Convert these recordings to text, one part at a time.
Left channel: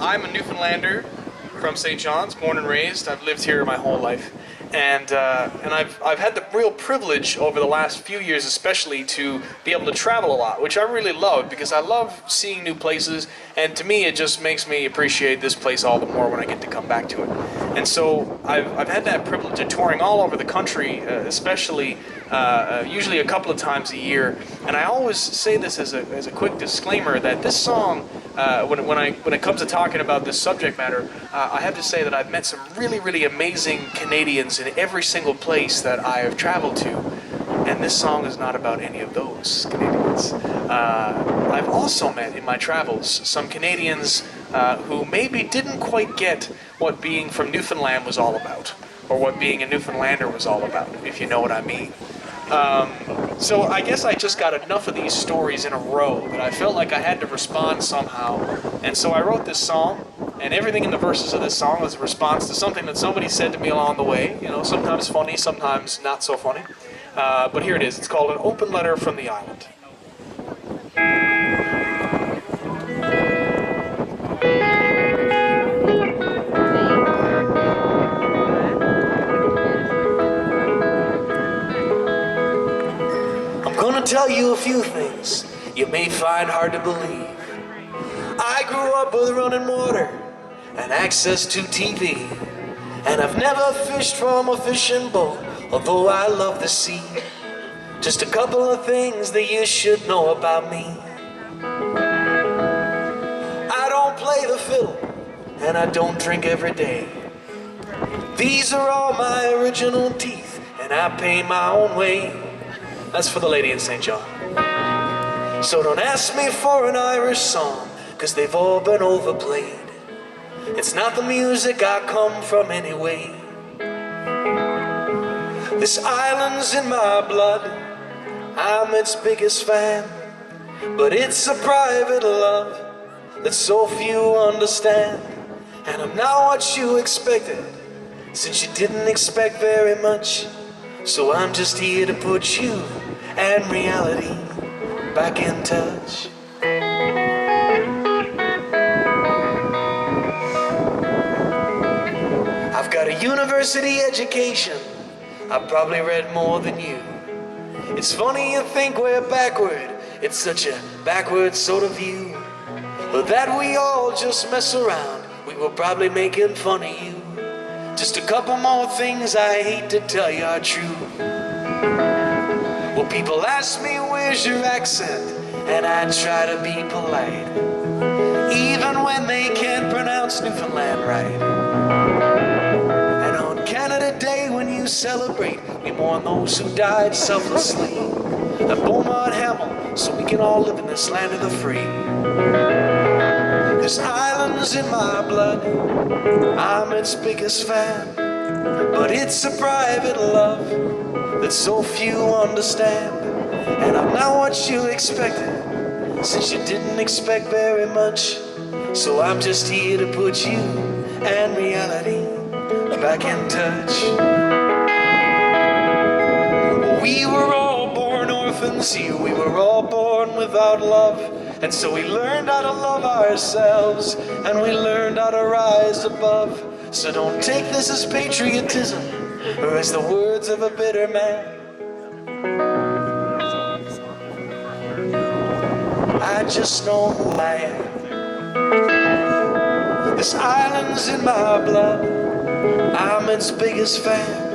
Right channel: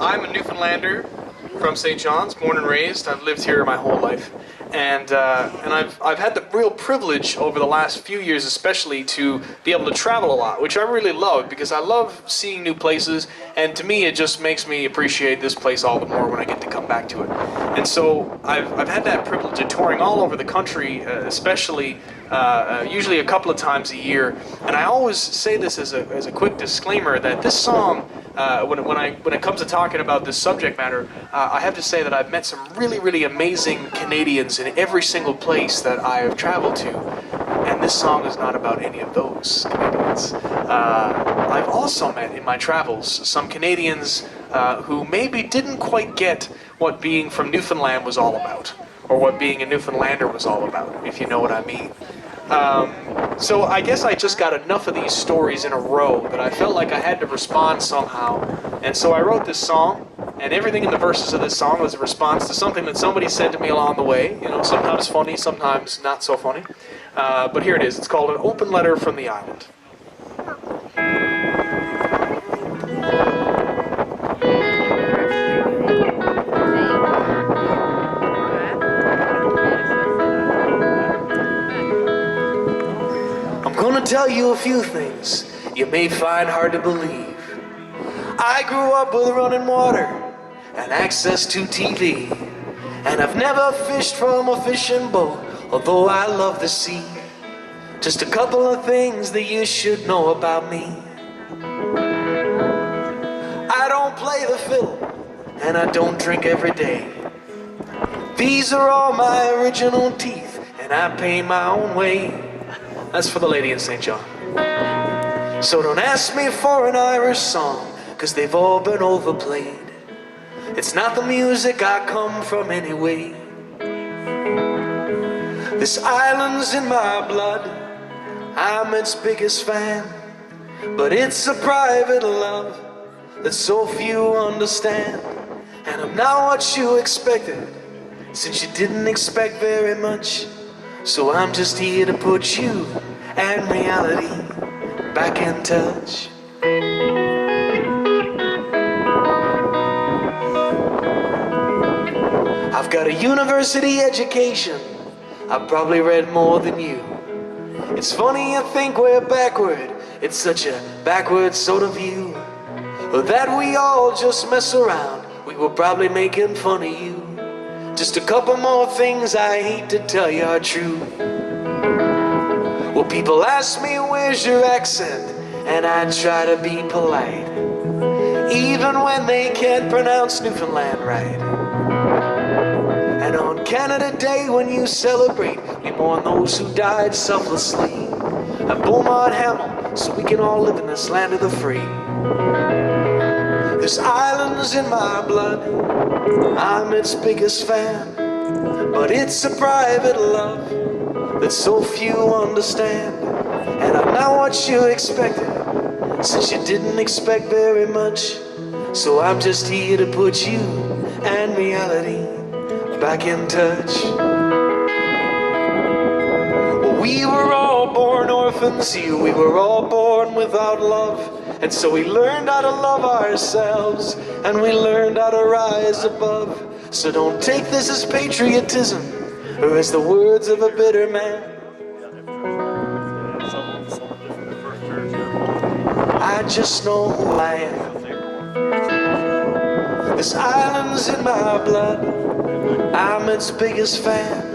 I'm a Newfoundlander from St. John's, born and raised. I've lived here my whole life, and I've had the real privilege over the last few years, especially, to be able to travel a lot, which I really love because I love seeing new places, and to me, it just makes me appreciate this place all the more when I get to come back to it. And so I've had that privilege of touring all over the country, especially usually a couple of times a year. And I always say this as a quick disclaimer that this song, when it comes to talking about this subject matter, I have to say that I've met some really amazing Canadians in every single place that I have traveled to, and this song is not about any of those Canadians. I've also met in my travels some Canadians who maybe didn't quite get what being from Newfoundland was all about, or what being a Newfoundlander was all about, if you know what I mean. So I guess I just got enough of these stories in a row that I felt like I had to respond somehow. And so I wrote this song, and everything in the verses of this song was a response to something that somebody said to me along the way. You know, sometimes funny, sometimes not so funny. But here it is. It's called An Open Letter from the Island. I'm gonna tell you a few things you may find hard to believe. I grew up with running water and access to TV, and I've never fished from a fishing boat, although I love the sea. Just a couple of things that you should know about me. I don't play the fiddle, and I don't drink every day. These are all my original teeth, and I pay my own way. That's for the lady in St. John. So don't ask me for an Irish song, 'cause they've all been overplayed. It's not the music I come from anyway. This island's in my blood, I'm its biggest fan. But it's a private love that so few understand. And I'm not what you expected, since you didn't expect very much. So I'm just here to put you and reality back in touch. I've got a university education, I've probably read more than you. It's funny you think we're backward, it's such a backward sort of view. But that we all just mess around, we were probably making fun of you. Just a couple more things I hate to tell you are true. Well, people ask me, where's your accent? And I try to be polite, even when they can't pronounce Newfoundland right. And on Canada Day, when you celebrate, we mourn those who died selflessly. At Beaumont Hamel, so we can all live in this land of the free. This island's in my blood, I'm its biggest fan. But it's a private love that so few understand. And I'm not what you expected, since you didn't expect very much. So I'm just here to put you and reality back in touch. We were all born orphans here, we were all born without love. And so we learned how to love ourselves, and we learned how to rise above. So don't take this as patriotism, or as the words of a bitter man. I just know who I am. This island's in my blood, I'm its biggest fan.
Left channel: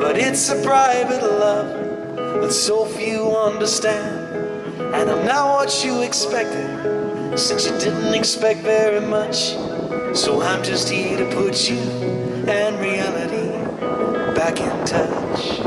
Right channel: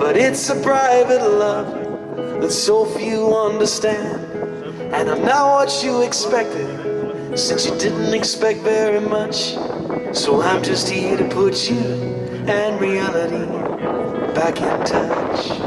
But it's a private love that so few understand. And I'm not what you expected, since you didn't expect very much. So I'm just here to put you and reality back in touch.